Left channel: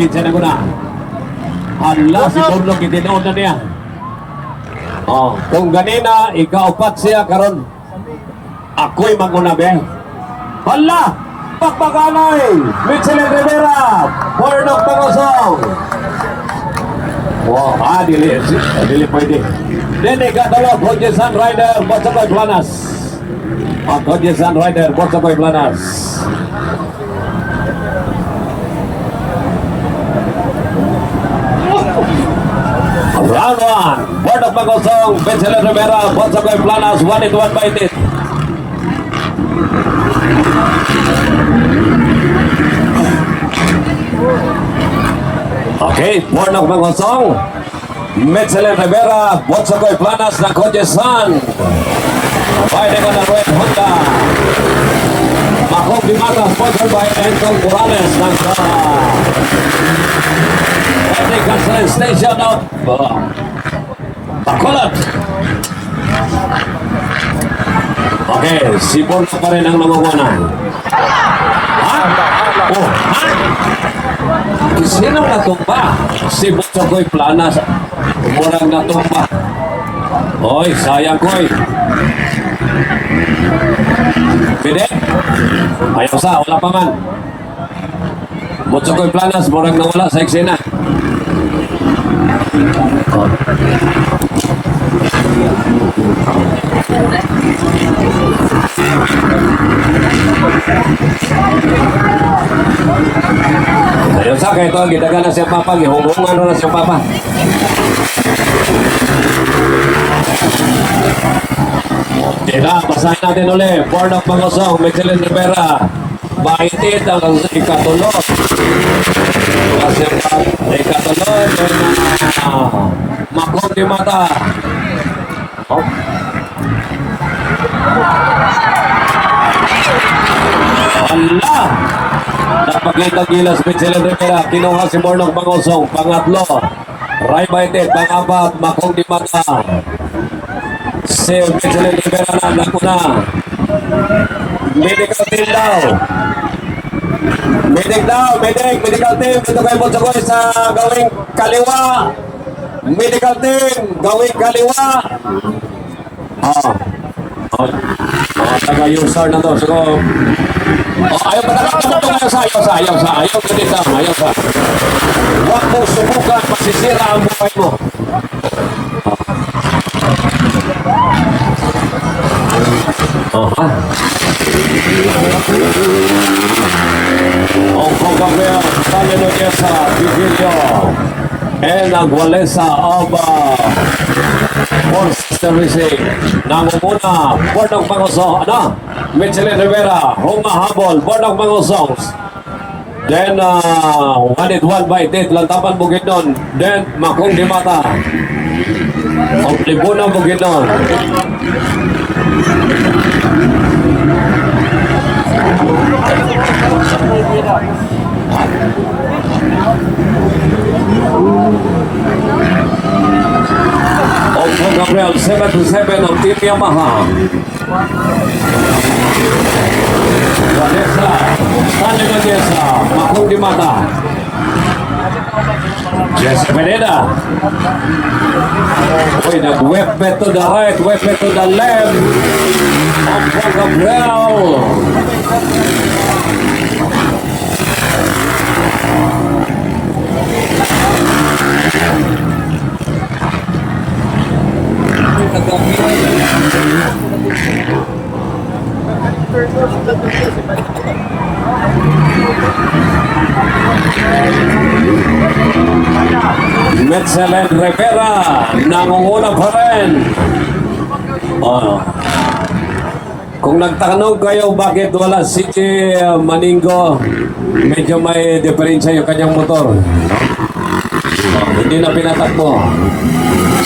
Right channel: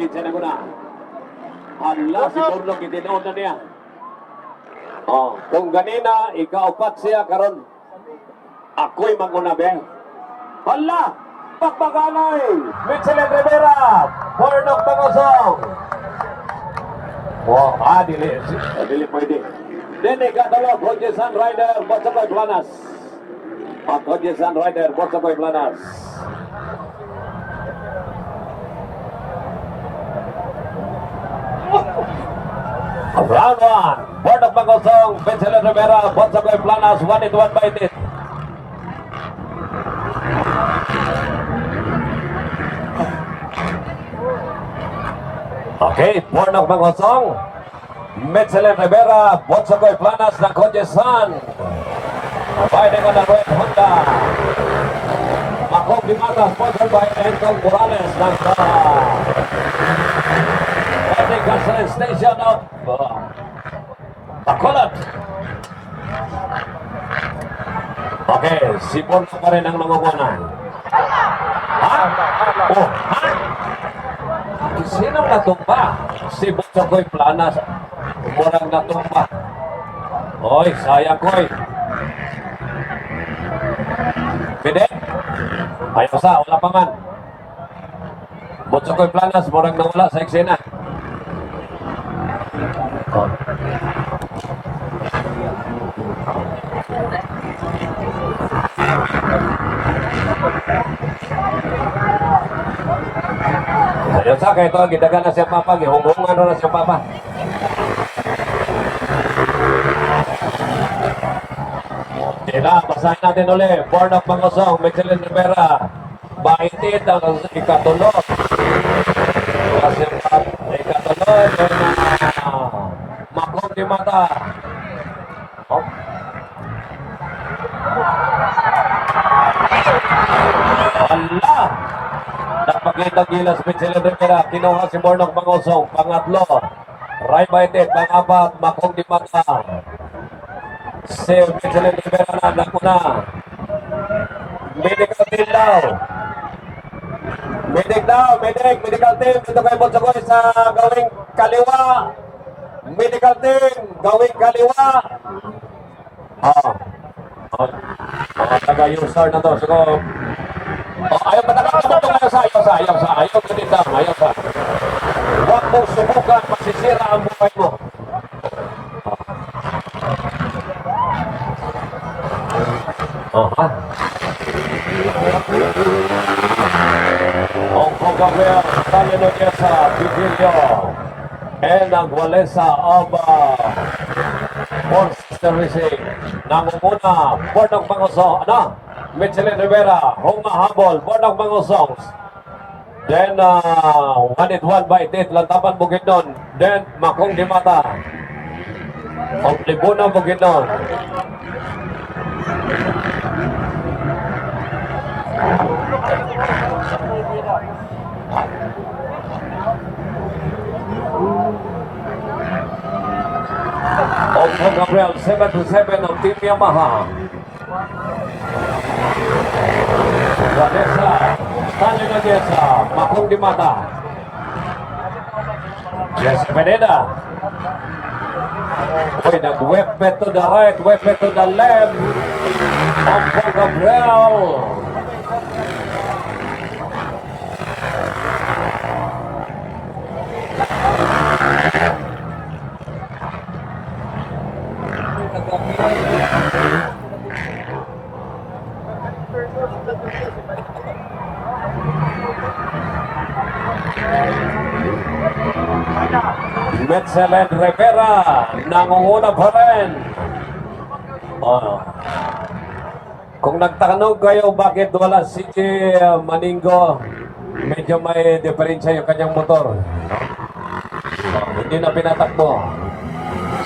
kinsa na guna. Hala, si Burnok itinood na niya. Kung ganina, ikaupat siya karon. Ako'y maguna, be. Hala! Pakpakanay! Mitchell Rivera! Burnok Pangosong! Wow, dili pwede. Then ikatalo, Kodjesan Rider, Botsakoy Planas. Kodjesan Rider, Botsakoy Planas. Round 1, Burnok Pangosong, Mitchell Rivera, Botsakoy Planas, 1-1 by it. Okay, Burnok Pangosong, Mitchell Rivera, Botsakoy Planas ng Kodjesan. Pwede ka na Red Honda. Makong Dimata, sponsored by Entong Morales ng Patrick Cancel Station of Bacolod. Okay, si Burnok pa rin ang nangungunan. Sino natumba? Si Botsakoy Planas. Umurang natumba. Oy, sayang koy. Pwede? Ayaw sa, wala pa man. Botsakoy Planas, murang nawala sa eksena. Ayaw sa, kaya ito, gitagan na siya papa, gihungungan na siya papa. Kaya, basahin natin ulit. Burnok Pangosong, Mitchell Rivera. Baitit ang ikatulog. Kasi ikatulog. Makong Dimata. Allah! Napagkita-gilas Mitchell Rivera. Kinuha si Burnok Pangosong. Pangatlo. Ray Baitit. Pang-apat. Makong Dimata. Si Mitchell Rivera na nakuna. Medical team daw. Medical team. Ito kayo Botsakoy sa gawing kaliwa. Medical team, gawing kaliwa. Taga-user na to. So, ayaw pa ayaw sa. Huwag mong subukan, masisira ang buhay mo. Hong Gabriel, Palinogesa, Vigilio, and Agualesa of Force Racing. Nangunguna, Burnok Pangosong, Mitchell Rivera, Humahabol, Burnok Pangosong. Then, 1-1 by Tit, Lantapan Bukidnon. Then, Makong Dimata. Oblibuna Bukidnon. Hong Gabriel, 7-7 ng Team Yamaha. Vanessa, Stanley Vanessa, Makong Dimata. Jess Pineda. Uy, nag-wepe to the right, wepe to the left. Hong Gabriel. Mitchell Rivera nangunguna pa rin. Kung nagtanong kayo bakit wala si Maningo, medyo may diferensya yung kanyang motor. Hindi na pinatakbo.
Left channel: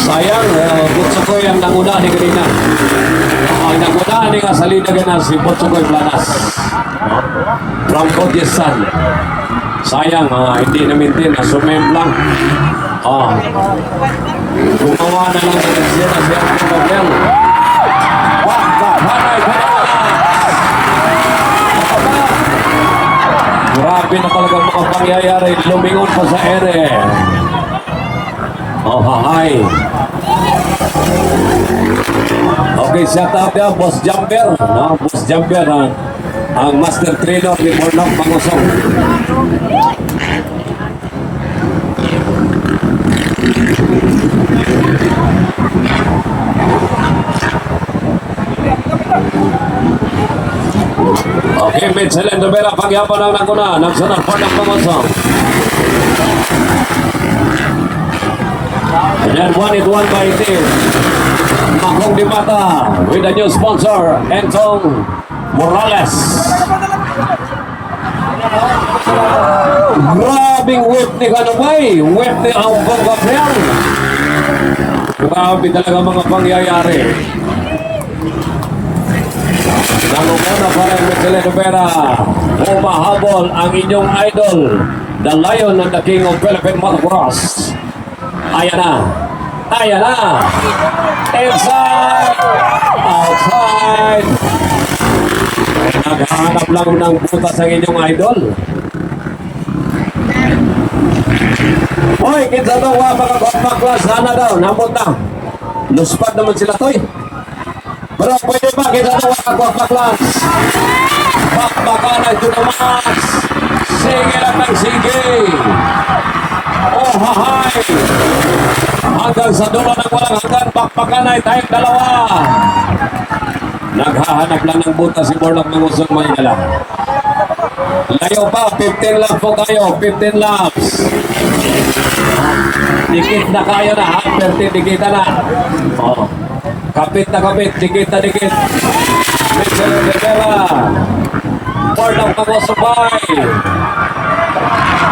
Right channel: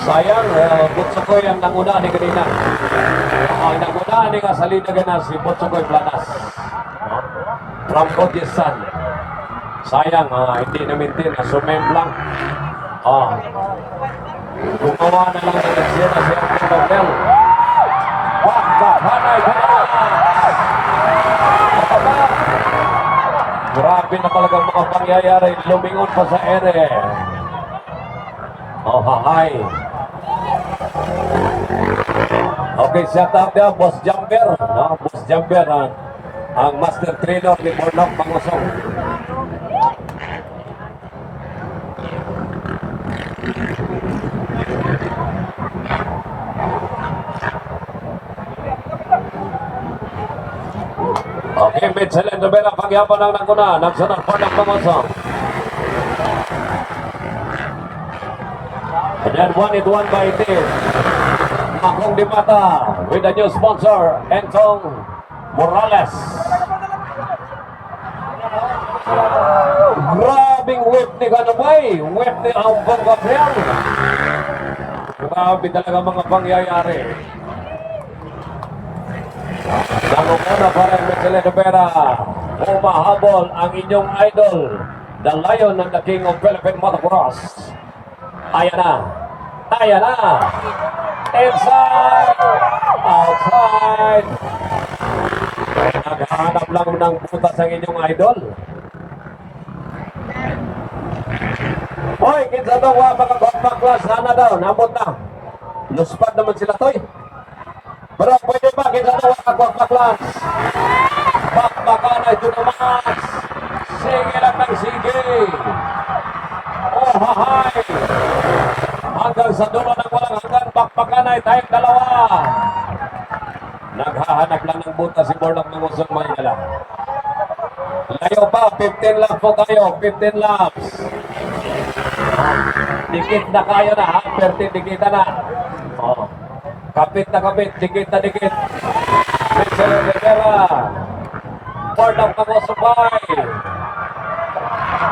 Sayang, Botsakoy ang nanguna ni kanina. Ang nanguna ni kasalina ganun si Botsakoy Planas. From Kodjesan. Sayang, hindi na-maintain, na-sumem lang. Gumawa na lang ng siya na siya ang problem. Grabe na pala talagang mga pangyayari. Lumingon pa sa ere. Oh, hahay. Okay, shout out niya, Boss Jumper. No? Boss Jumper, ang master trainer ni Mornok Mangusong. Okay, Mitchell Rivera, pagyapon lang ng kuna. Nagsunod po ng Mangusong. And then one is one by team. Makong Di Mata with the new sponsor, Entong Morales. Grabing whip ni Kanumay. Whip ni Ambong Gabriel. Grabe talaga mga pangyayari. Nangunguna pa rin Mitchell Rivera. Umahabol ang inyong idol, the Lion and the King of Philippine Motocross. Ayan na. Ayan na. Inside. Outside. Naghahanap lang ng butas ang inyong idol. Hoy, kinsa to mga kompaklas. Sana daw. Napunta. Luspad naman sila to'y. Pero pwede ba kinsa to mga kompaklas? Bakbakan ay tunamas. Sige lang ng sige. Oh, hahay. Hanggang sa dulo ng walang hanggan, bakbakan ay tayong dalawa. Naghahanap lang ng buta si Mornok Mangusong Mayala. Layo pa, 15 laps po kayo, 15 laps. Dikit na kayo na, ha? 30 dikita na. Oh. Kapit na kapit, dikit na dikit. Mitchell Rivera. Mornok Mangusong Mayala.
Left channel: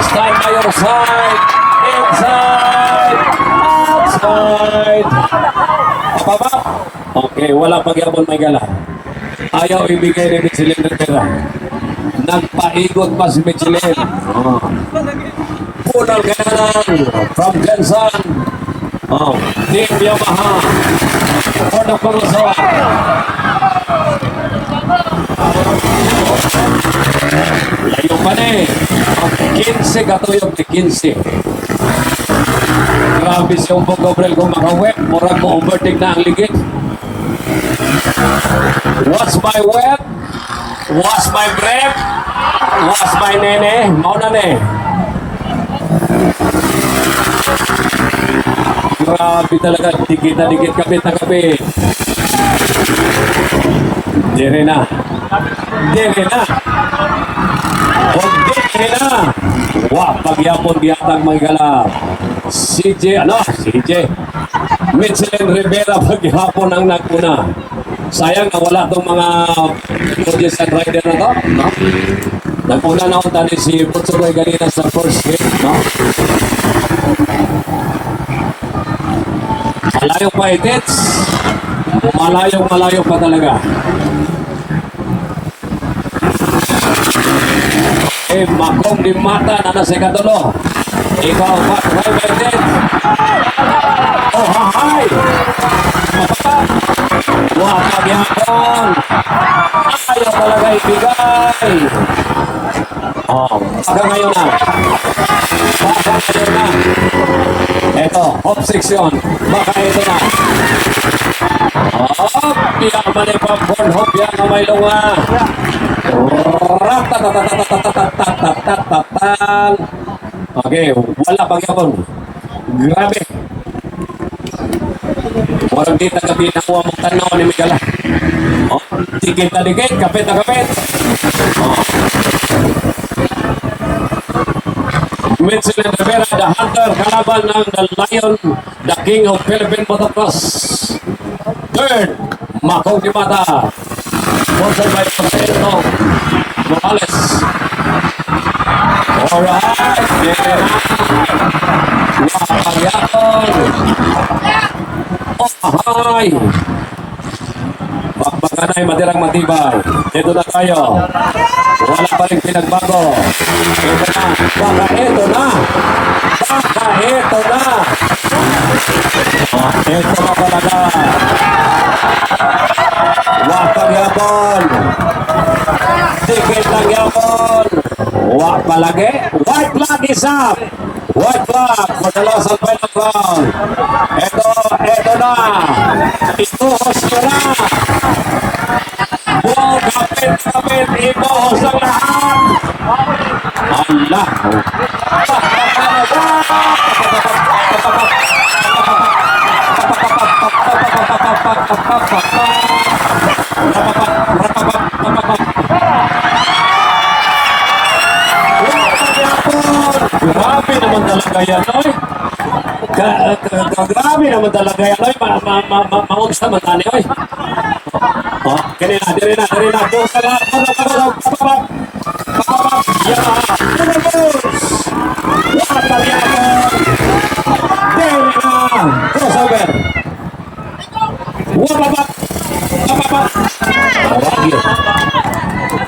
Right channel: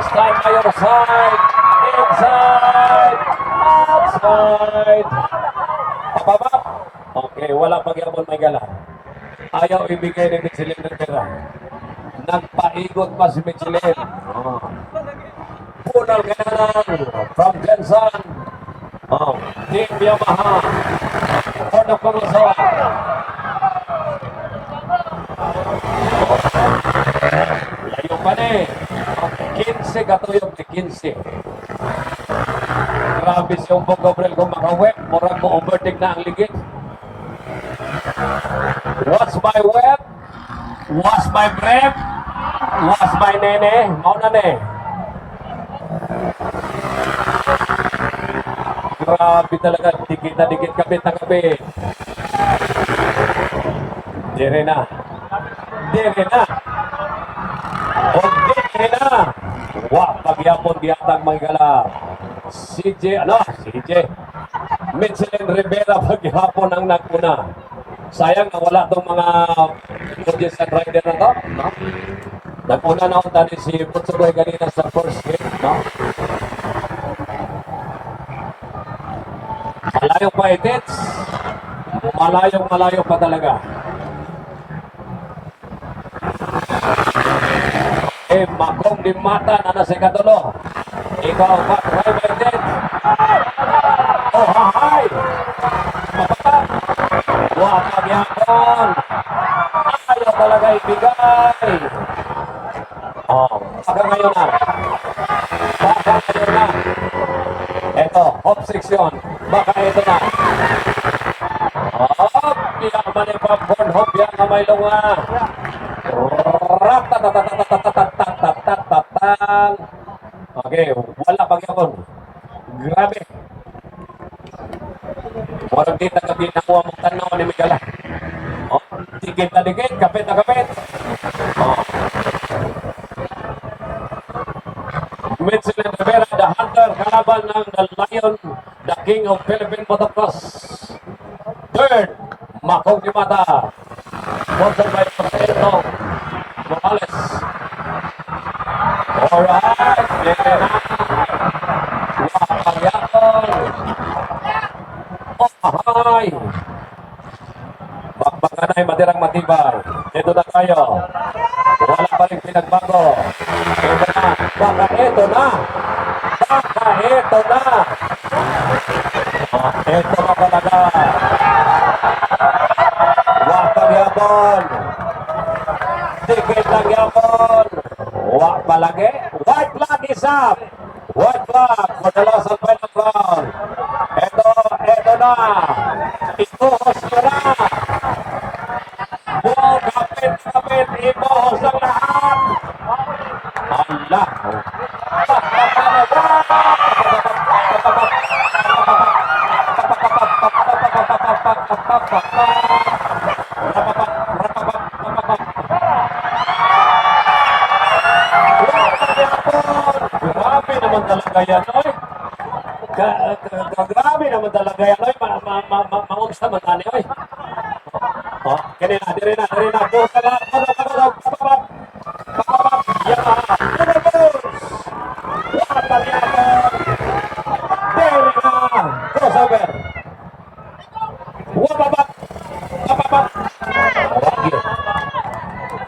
Stand by your side. Inside. Outside. Pababa. Okay, wala pagyabon may gala. Ayaw ibigay ni Michelin Rivera. Nagpaigot pa si Michelin. Oh. Punal ka na lang. From Jensen. Oh. Team Yamaha. For the Pangusawa. Layo pa na eh. 15 katuyog ni 15. Grabe si Umbong Gabriel kung makawet. Murag mo overtake na ang ligid. What's my wet? What's my breath? What's my nene? Mauna ne. Grabe talaga. Dikit na dikit, kapit na kapit. Dire na. Dire na. Huwag dire na. Wah, pagyapon biyatang maggalap. CJ, Michelin Rivera paghapon ang naguna. Sayang nawala itong mga produce and rider na to, no? Naguna na ako tali si Putsuboy kanina sa first hit, no? Malayo pa itits. Malayo pa talaga. Makong Di Mata na nasa ikatulo. Ikaw pa, private. Oh, hahay! Wapag yapon! Ayaw talaga ibigay! Oh, baka ngayon na. Baka ngayon na. Eto, off section. Baka ito na. Oh, piyak mali pa born hop yan na may lunga. Ratatatatatatatatatatatatatatan. Okay, wala pang yapon. Grabe. Walang dita gabi na kuha mong tanaw ni Miguel. Oh, dikit na dikit, kapit na kapit. Oh. Michelin Rivera, the hunter, kalaban ng the Lion, the King of Philippine Motocross. Third, Makong Di Mata. Sponsored by Presidente Morales. Alright, Wapagyaton. Oh, hi. Pagpakanay, matirang matibay. Dito na tayo. Wala pa rin pinagbago. Ito na. Baka ito na. Baka ito na. Ito na talaga. Wapag yapon. Tikit lang yapon. Wapag palagi. White flag is up. White flag for the loss of final round. Ito na. Ituhos nyo na. Wow, kapit. Ituhos ang lahat. Allah. Grabe naman talaga yan, oy. Grabe naman talaga yan, oy. Maungs naman tani, oy. Oh, dire na. Doon sa lahat. Papapap. Yan. Water yan. Dire na. Crossover. Wapapap.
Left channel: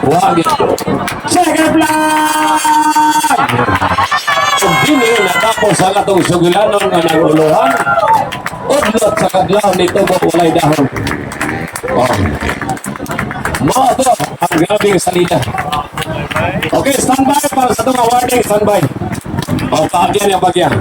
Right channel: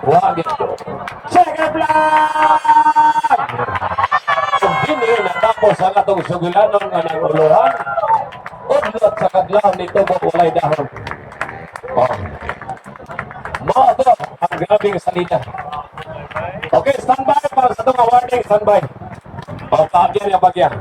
Wagit. Second flag! Kung dini natapos sa katong sugilanon nga naguluhan, udlot sa kadlaw nito mo walay dahon. Oh. Mao to ang grabing salida. Okay, standby para sa itong awarding, standby. O, paagyan yung bagyan.